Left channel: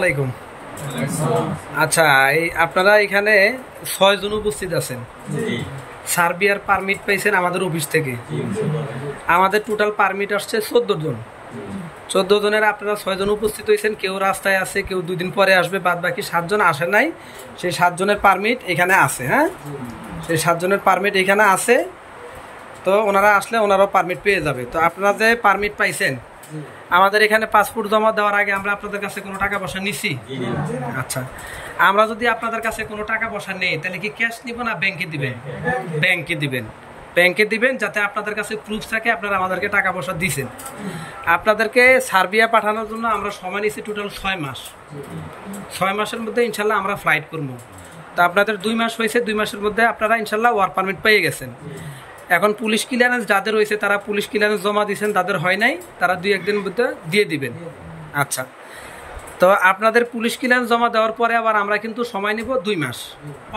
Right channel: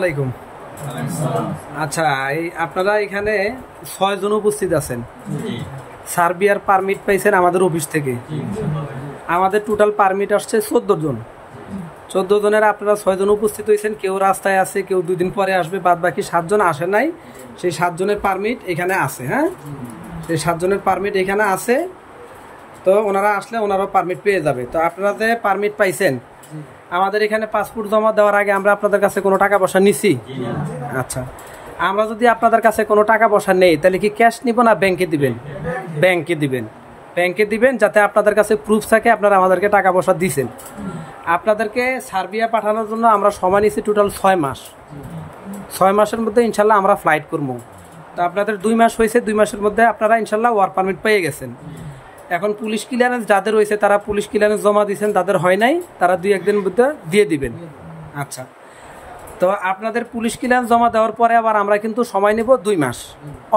আলাইকুম। আচ্ছা, এই আপনারা এখানে 6 জন উপস্থিত আছেন। সার্বিয়ার পারমিট পাইছেন আমাদের অফিস থেকে। আমাদের টোটাল পারমিট আসছে 14 জন। 14 জনের আপনারা 6 জন উপস্থিত হয়েছেন। কেউ রাস্তায় আছে, কেউ 2 দিন পরে আসবে, বাদ বাকি 7 জন আসে নাই। সেই 7 জনের পারমিট এখানে আছে। হ্যাঁ, সেই 7 জনের পারমিট এখানে আছে। তো ওনারা আসলে ওনারাও পারমিট পেয়ে যাবে। তো আপনারা যে পারমিট পাইছেন, আমাদের এখানে পাসপোর্ট জমা দেওয়ার আগে আমরা আপনাদের কাছে কোনো টাকা পয়সা নিছি? আচ্ছা, আমরা যদি আপনাদের কাছে কোনো টাকা পয়সা নেই, তাহলে কি ক্যাশ নিব না ব্যাংকে দিবেন? ব্যাংকে দিবেন। ব্যাংকে দিবেন, যাতে আপনাদের কাছে প্রুফ থাকে আপনারা আমাদেরকে টাকা পয়সা দিয়েছেন। আপনাদেরকে সার্বিয়া পাঠানোর জন্য আমরা সময় নিয়েছি টোটাল 6 মাস। 6 মাসের মধ্যে ইনশাল্লাহ আমরা ফ্লাইট করবো। তো আপনাদের 2 মাস হয়েছে, 2 মাসের মধ্যে আপনারা ইনশাল্লাহ ওয়ার্ক পারমিট পেয়ে গেছেন। এখন পুলিশ ক্লিয়ারেন্স যাদের হয়েছে তারা পুলিশ ক্লিয়ারেন্স জমা দিয়েছেন, তাদের হয় নাই, তারা 2-1 দিনের মধ্যে দিয়ে দিবেন। আচ্ছা, তো আপনাদের পুলিশ ক্লিয়ারেন্স জমা দেওয়ার পরে আবার আমরা কিন্তু সময় নেব 2 মাস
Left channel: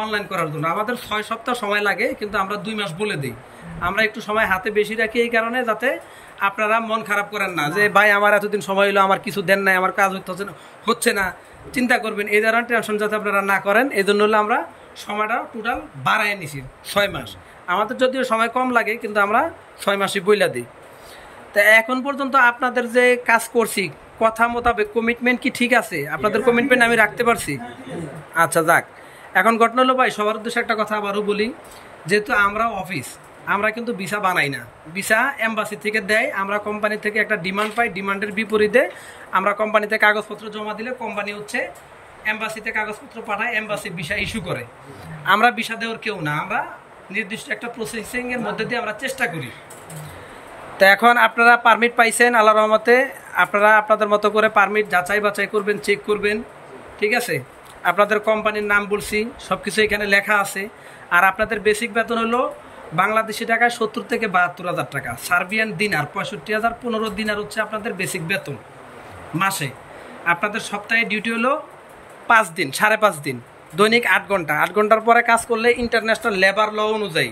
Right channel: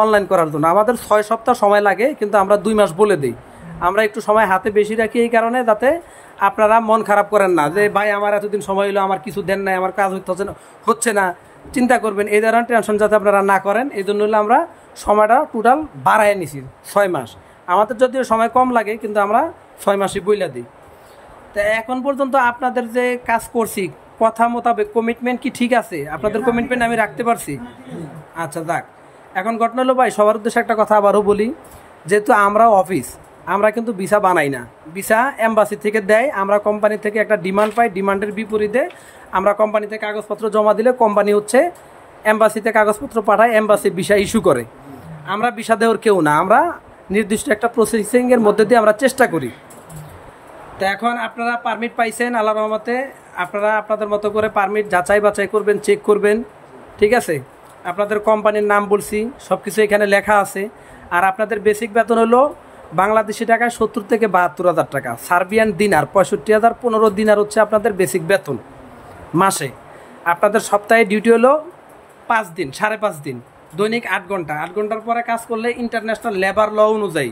অনলাইন করার জন্য। আমাদের 6 সপ্তাহ সময় লাগে, কিন্তু আমরা 2 মাস বলে দিই। আমরা একটু সময় হাতে বেশি রাখি এই কারণে, যাতে আপনারা মন খারাপ করেন না যে ভাই আমার এতদিন সময় হলো, আমার কিছু দেন নাই, আমার কাজ হচ্ছে না, চিন্তা করবেন এই ধরনের টেনশন যাতে আপনারা না করেন। এই জন্য হলো আমরা সময়টা টোটাল বাড়ায় নিছি 6 মাস। আমাদের যদিও সময় কম লাগে, কিন্তু আমরা 6 মাসই বইলা দিই। তো এখন পর্যন্ত আপনাদের যে কাজ করছি, কথা মোতাবেক কমিটমেন্ট কি ঠিক আছে? আপনাদের কমিটমেন্ট আমি রাখতে পারছি? আচ্ছা, যাক। এখন ঘটনা হলো ভাই, সবার উদ্দেশ্যে একটা কথা আবারও বলি, যেহেতু আমরা অফিস, আমরা কিন্তু ভিসা বানাই না। ভিসা এম্বাসি থেকে দেয়। আমরা কোম্পানি থেকে একটা ডিমান্ড পাই, ডিমান্ডের বিপরীতে আমরা কোম্পানিতে কাগজপত্র জমা দিলে কোম্পানি হচ্ছে এম্বাসিতে কাগজপত্র পাঠায়, এম্বাসি ভিসা ইস্যু করে। আমরা ভিসা দেওয়ার কেউ না, আমরা নির্দিষ্ট একটা প্রসেসিংয়ের মধ্যে দিয়ে আমরা চেষ্টা করি। তো এখন আপনারা পারমিট পাইছেন আল্লাহর রহমতে। আপনারা আপনাদের মতো করে পারমিট যাচাই বাছাই করবেন, চেক করবেন, ঠিক আছে? আপনাদের কোম্পানির নাম বলছি, সব কিছু এখানে লেখা আছে। আর আপনাদের বেসিক বেতন হলো বাংলাদেশি টাকায় 70 থেকে 72,000 টাকা। সার্বিয়ান দিনার 65,000, 15 দিনার হচ্ছে আপনাদের বেসিক বেতন মাসে। আপনাদের সপ্তাহে ডিউটি হলো 5 দিন, 5.5 দিন, দৈনিক 8 ঘন্টা। 8 ঘন্টার পরে কাজ করলে ইন্টারন্যাশনাল লেবার ল অনুযায়ী,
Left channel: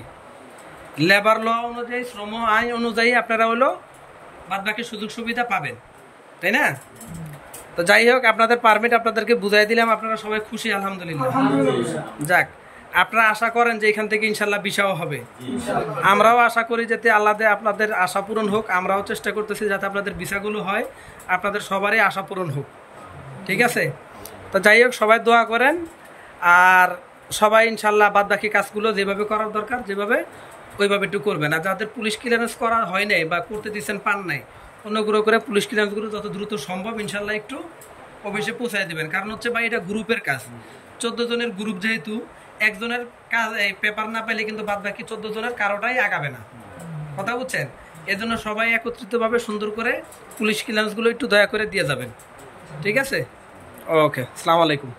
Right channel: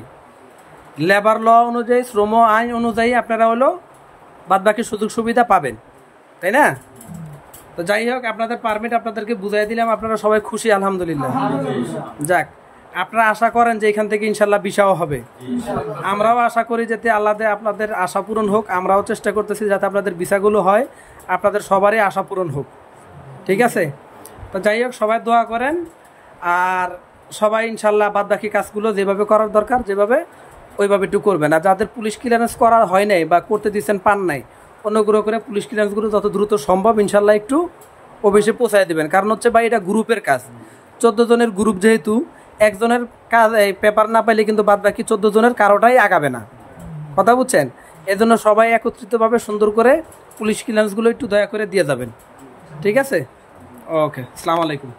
শ্রম আইন অনুযায়ী আপনারা হলো বাদ বাকি সুযোগ সুবিধা পাবেন, তাই না? তো যাই হোক, আপনাদের পারমিট আপনাদেরকে বুঝাই দিলাম, আপনারা সবাই খুশি আলহামদুলিল্লাহ। যাক, আপনারা আশা করেন যে এখান থেকে ইনশাল্লাহ ভিসাও হবে। আমরাও আশা করি যাতে আল্লাহ আপনাদের আশা পূরণ হোক। আমরাও চেষ্টা করতেছি যাতে আপনাদের ভিসাগুলো হয়, আপনাদের সবারই আশা পূরণ হোক, ঠিক আছে? তো যাই হোক, সবাই দোয়া করেন। আর সবাই ইনশাল্লাহ বাদ বাকি কাজগুলো যেভাবে করার দরকার যেভাবে, ওইভাবে একটু করবেন। আর যাদের পুলিশ ক্লিয়ারেন্স করা হয় নাই বা করতে দিচ্ছেন পান নাই, অনুগ্রহ করে পুলিশ ক্লিয়ারেন্সগুলো যত দ্রুত সম্ভব ইনশাল্লাহ একটু অফিসে পৌঁছায় দেবেন। কারণ হচ্ছে ভাই, এটা গ্রুপের কাজ। 14 জনের গ্রুপ, যেহেতু একজনের কাজ এই পেপার না পাইলে কিন্তু বাদ বাকি 14 জনের কারোটাই আগাবে না, কথা বুঝছেন? এজন্য সবাই একত্রিতভাবে সুন্দর করে পুলিশ ক্লিয়ারেন্সগুলো একটু দয়া করে দিয়ে যাবেন, ঠিক আছে? ওকে, আসসালামু আলাইকুম।